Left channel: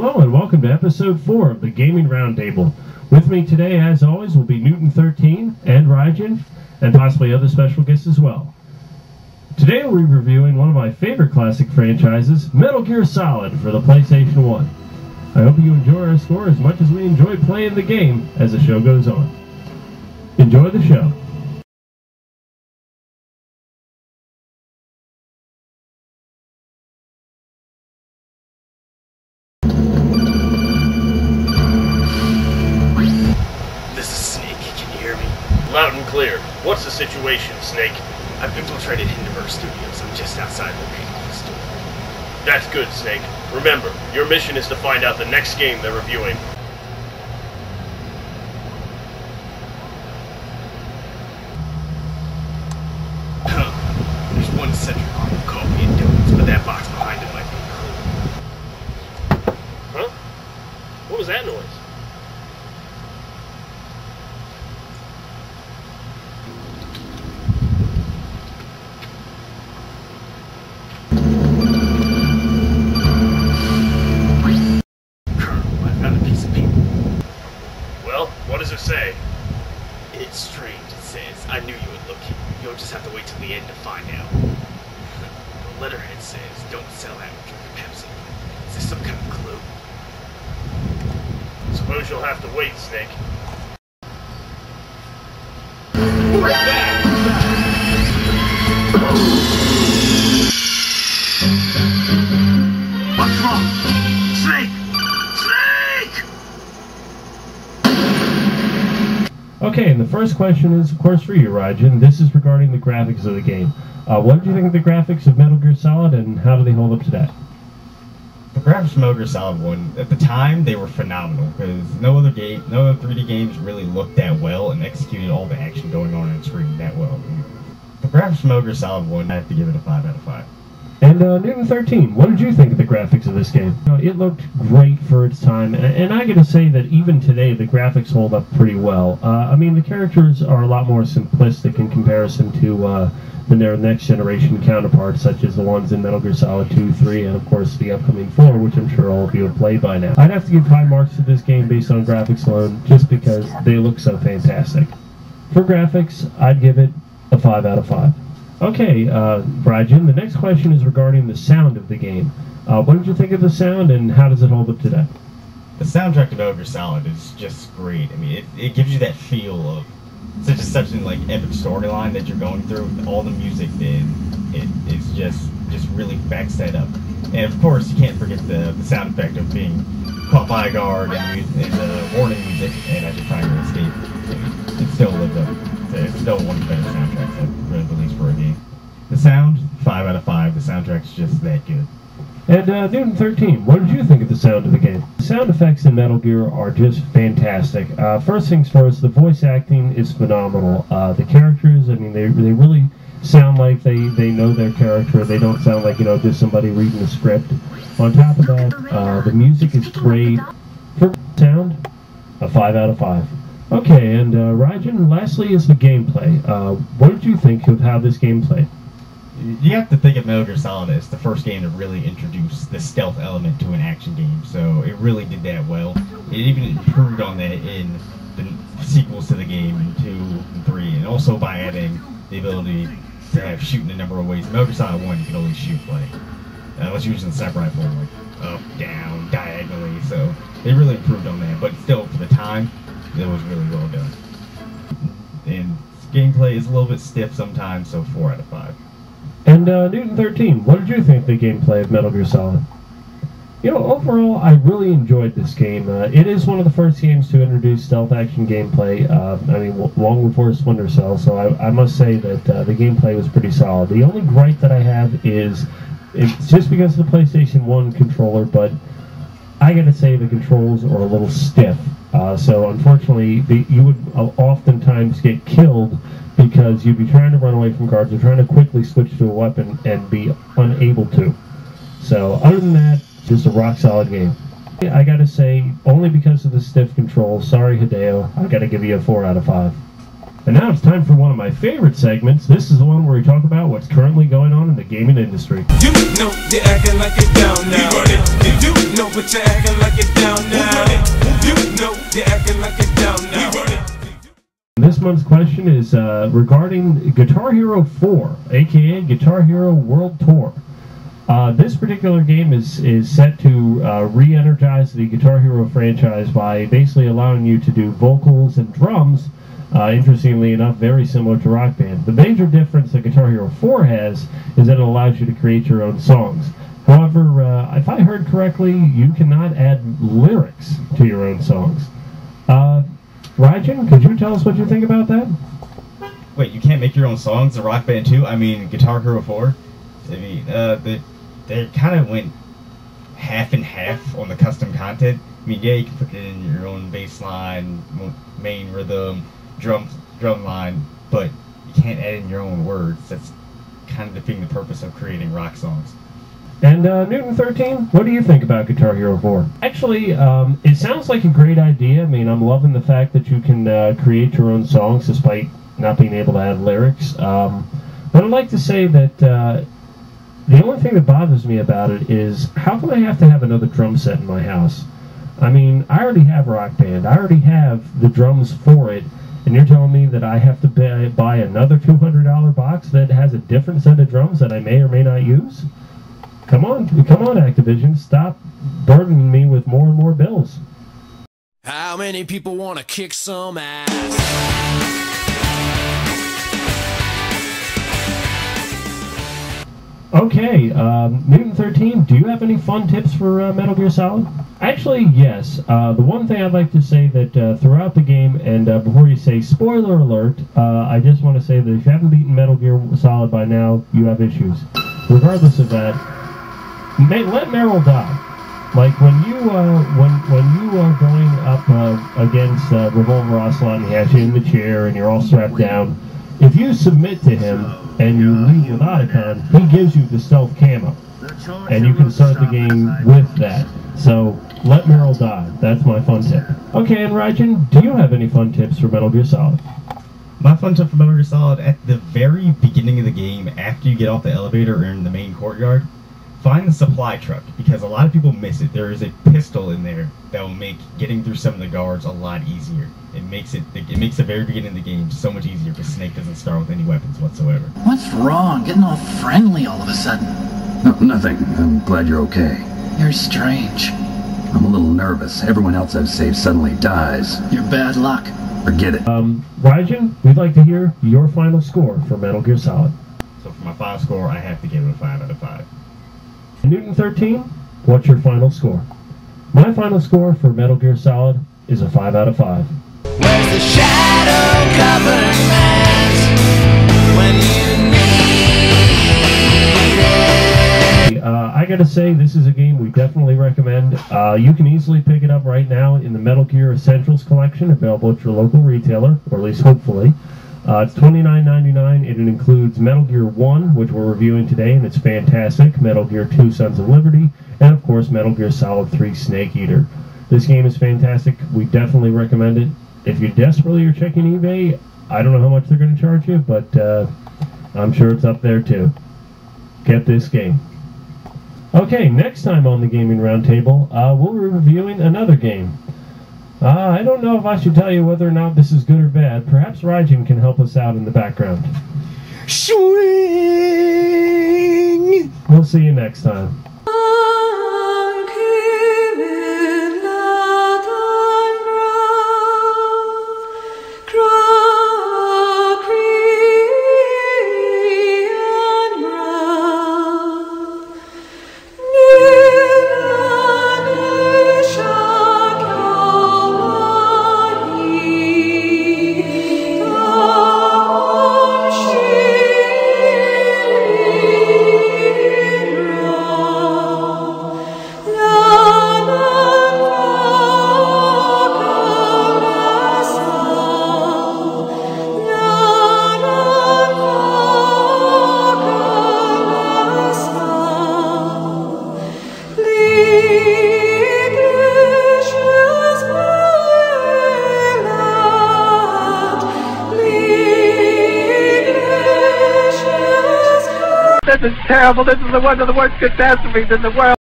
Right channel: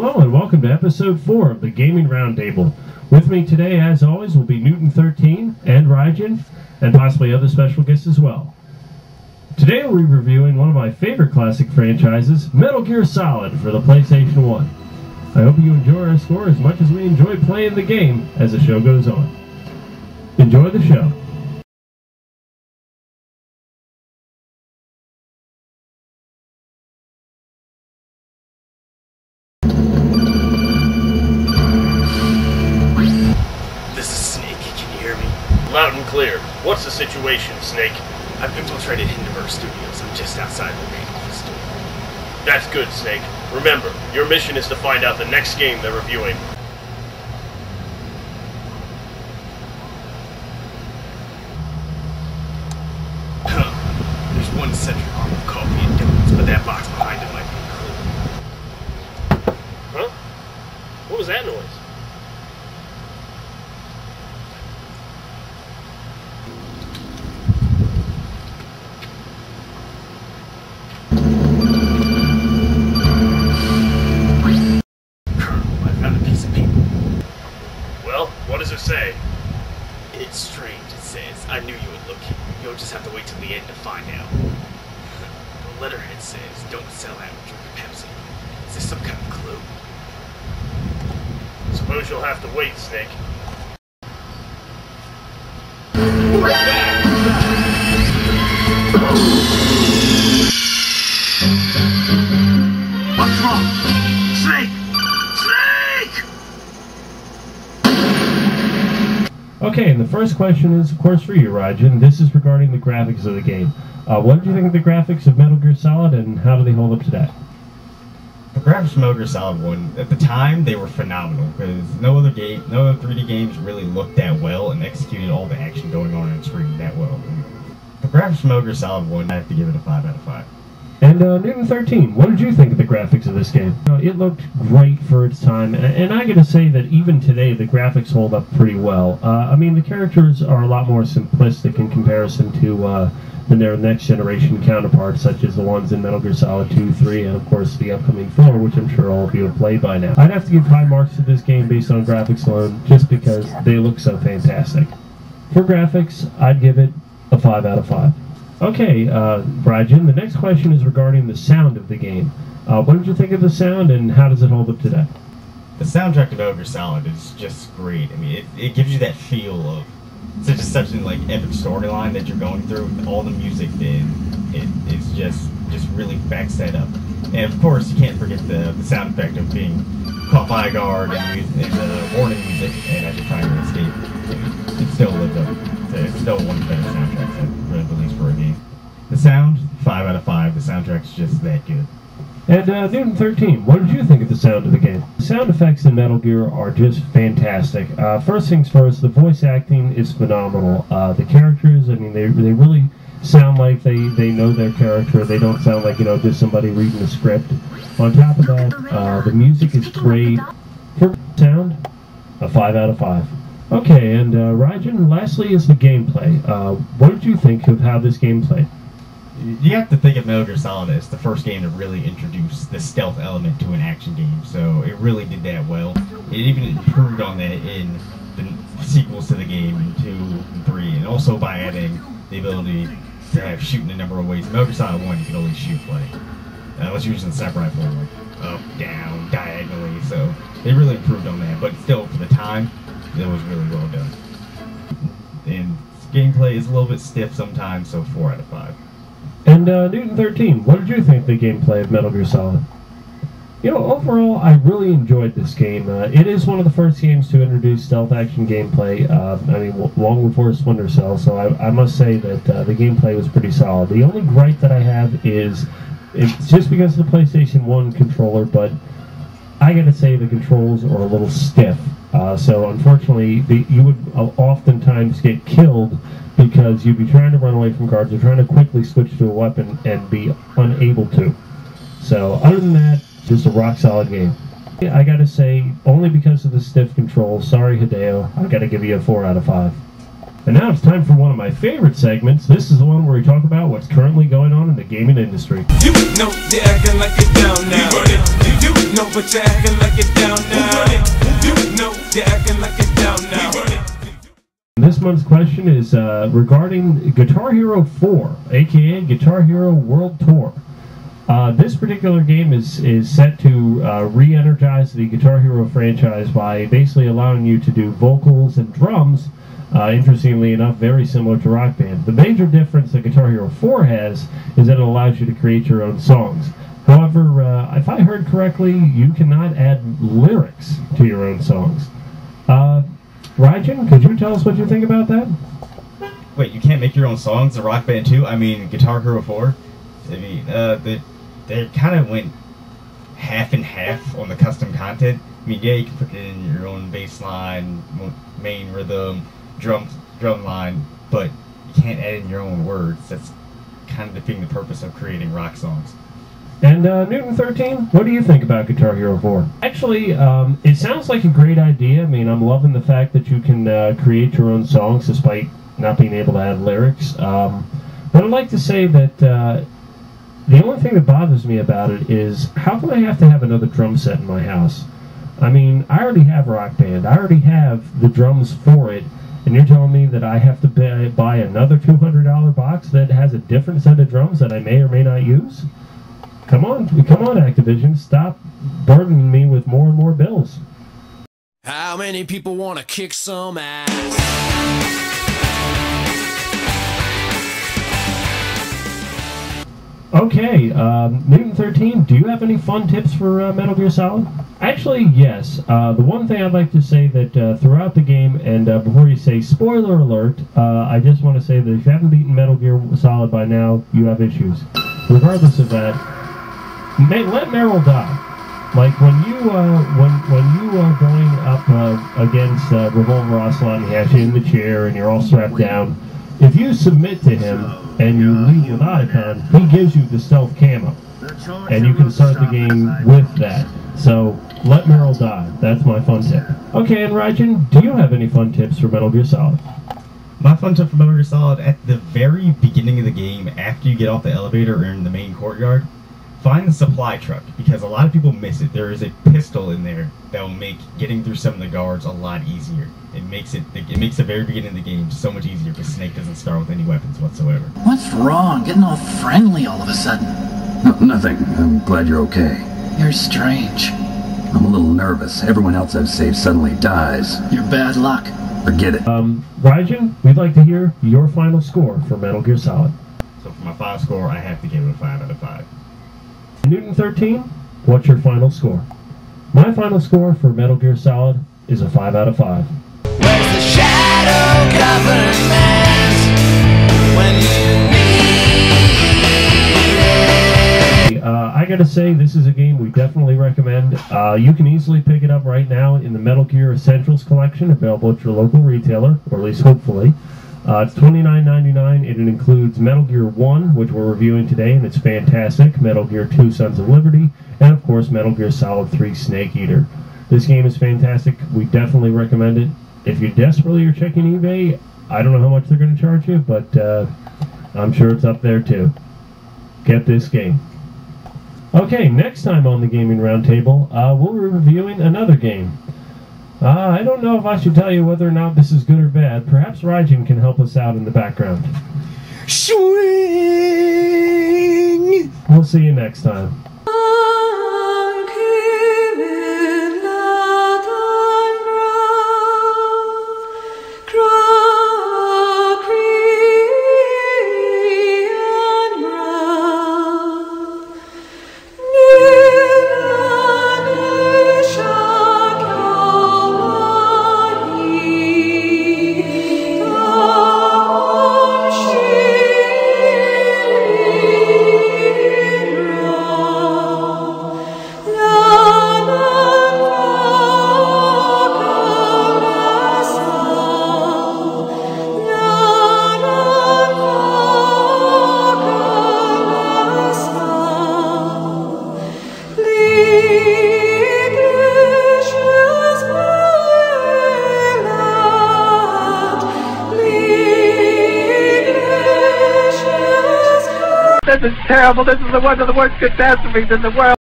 Hello and welcome to episode 4 of the Gaming Roundtable. With me today, as always, will be Newton13 and Raijin, and possibly other special guests as well. Today we'll be reviewing one of my favorite classic franchises, Metal Gear Solid for the PlayStation 1. I hope you enjoy our score as much as we enjoy playing the game as the show goes on. Enjoy the show. Loud and clear. What's the situation, Snake? I've infiltrated Hindenburg Studios. I'm just outside the main office door. That's good, Snake. Remember, your mission is to find out the next game they're reviewing. There's one central arm of coffee and donuts, but that box behind it might be a clue. Huh? What was that noise? What does it say? It's strange, it says. I knew you would look here. You'll just have to wait till the end to find out. The letterhead says, don't sell out and drink Pepsi. Is this some kind of clue? Suppose you'll have to wait, Snake. What's wrong? Snake! Okay, and the first question is, of course, for you, Raijin. This is regarding the graphics of the game. What did you think of the graphics of Metal Gear Solid, and how do they hold up today? The graphics of Metal Gear Solid 1, at the time, they were phenomenal, because no other 3D games really looked that well and executed all the action going on screen that well. The graphics of Metal Gear Solid 1, I have to give it a 5 out of 5. And Newton13, what did you think of the graphics of this game? It looked great for its time, and I gotta say that even today the graphics hold up pretty well. I mean, the characters are a lot more simplistic in comparison to their next generation counterparts, such as the ones in Metal Gear Solid 2, 3, and of course the upcoming 4, which I'm sure all of you have played by now. I'd have to give high marks to this game based on graphics alone, just because they look so fantastic. For graphics, I'd give it a 5 out of 5. Okay, Raijin, the next question is regarding the sound of the game. What did you think of the sound, and how does it hold up today? The soundtrack to Metal Gear Solid is just great. I mean, it gives you that feel of such an epic storyline that you're going through. All the music is just really backs that up. And of course, you can't forget the sound effect of being caught by a guard and the warning music, and as you're trying to escape, it still lives up. It's still one of the better soundtracks I've really released for a game. The sound, 5 out of 5. The soundtrack's just that good. And Newton13, what did you think of the sound of the game? The sound effects in Metal Gear are just fantastic. First things first, the voice acting is phenomenal. The characters, I mean, they really sound like they know their character. They don't sound like, just somebody reading a script. On top of that, the music is great. For sound, a 5 out of 5. Okay, and Raijin, lastly is the gameplay. What did you think of how this game played? You have to think of Metal Gear Solid as the first game to really introduce the stealth element to an action game, so it really did that well. It even improved on that in the sequels to the game, in 2 and 3, and also by adding the ability to have shooting a number of ways. In Metal Gear Solid 1, you could only shoot, unless you're using the sniper rifle, up, down, diagonally, so they really improved on that, but still, for the time, it was really well done. And gameplay is a little bit stiff sometimes, so 4 out of 5. And Newton13, what did you think of the gameplay of Metal Gear Solid? Overall, I really enjoyed this game. It is one of the first games to introduce stealth action gameplay, long before Splinter Cell, so I must say that the gameplay was pretty solid. The only gripe that I have is, it's just because of the PlayStation 1 controller, but I gotta say the controls are a little stiff. So unfortunately, you would oftentimes get killed because you'd be trying to run away from guards or trying to quickly switch to a weapon and be unable to. So other than that, just a rock solid game. I gotta say, only because of the stiff controls, sorry Hideo, I gotta give you a 4 out of 5. And now it's time for one of my favorite segments. This is the one where we talk about what's currently going on in the gaming industry. You know you're acting like it's down now. You know, but you're acting like it's down now. You know, you're acting like it's down now. This month's question is regarding Guitar Hero 4, aka Guitar Hero World Tour. This particular game is set to re-energize the Guitar Hero franchise by basically allowing you to do vocals and drums, interestingly enough, very similar to Rock Band. The major difference that Guitar Hero 4 has is that it allows you to create your own songs. However, if I heard correctly, you cannot add lyrics to your own songs. Rajan, could you tell us what you think about that? Wait, you can't make your own songs in Rock Band 2? I mean, Guitar Hero 4? I mean, they kind of went half and half on the custom content. I mean, yeah, you can put it in your own bass line, main rhythm, drum line, but you can't add in your own words. That's kind of defeating the purpose of creating rock songs. And Newton 13, what do you think about Guitar Hero 4? Actually, it sounds like a great idea. I mean, I'm loving the fact that you can create your own songs despite not being able to add lyrics. But I'd like to say that the only thing that bothers me about it is how come I have to have another drum set in my house? I mean, I already have Rock Band. I already have the drums for it. And you're telling me that I have to buy another $200 box that has a different set of drums that I may or may not use? Come on, Activision, stop burdening me with more and more bills. How many people want to kick some ass? Okay, Newton 13, do you have any fun tips for Metal Gear Solid? Actually, yes. The one thing I'd like to say that throughout the game, and before you say spoiler alert, I just want to say that if you haven't beaten Metal Gear Solid by now, you have issues. Regardless of that, let Meryl die. Like when you are going up against Revolver Ocelot and he has you in the chair and you're all strapped down, if you submit to him and you leave with Otacon, he gives you the stealth camo, and you can start the game with that. So let Meryl die. That's my fun tip. Okay, and Rajan, do you have any fun tips for Metal Gear Solid? My fun tip for Metal Gear Solid, at the very beginning of the game, after you get off the elevator or in the main courtyard, find the supply truck, because a lot of people miss it. There is a pistol in there that will make getting through some of the guards a lot easier. It makes the very beginning of the game so much easier because Snake doesn't start with any weapons whatsoever. What's wrong? Getting all friendly all of a sudden. No, nothing. I'm glad you're okay. You're strange. I'm a little nervous. Everyone else I've saved suddenly dies. You're bad luck. Forget it. Rajan, we'd like to hear your final score for Metal Gear Solid. So for my final score, I have to give it a 5 out of 5. Newton 13, what's your final score? My final score for Metal Gear Solid is a 5 out of 5. Where's the shadow government when you need it? I gotta say, this is a game we definitely recommend. You can easily pick it up right now in the Metal Gear Essentials collection, available at your local retailer, or at least hopefully. It's $29.99. It includes Metal Gear 1, which we're reviewing today, and it's fantastic, Metal Gear 2 Sons of Liberty, and of course Metal Gear Solid 3 Snake Eater. This game is fantastic. We definitely recommend it. If you desperately are checking eBay, I don't know how much they're going to charge you, but I'm sure it's up there too. Get this game. Okay, next time on the Gaming Roundtable, we'll be reviewing another game. I don't know if I should tell you whether or not this is good or bad. Perhaps Rajan can help us out in the background. Swing! We'll see you next time. This is terrible. This is one of the worst catastrophes in the world.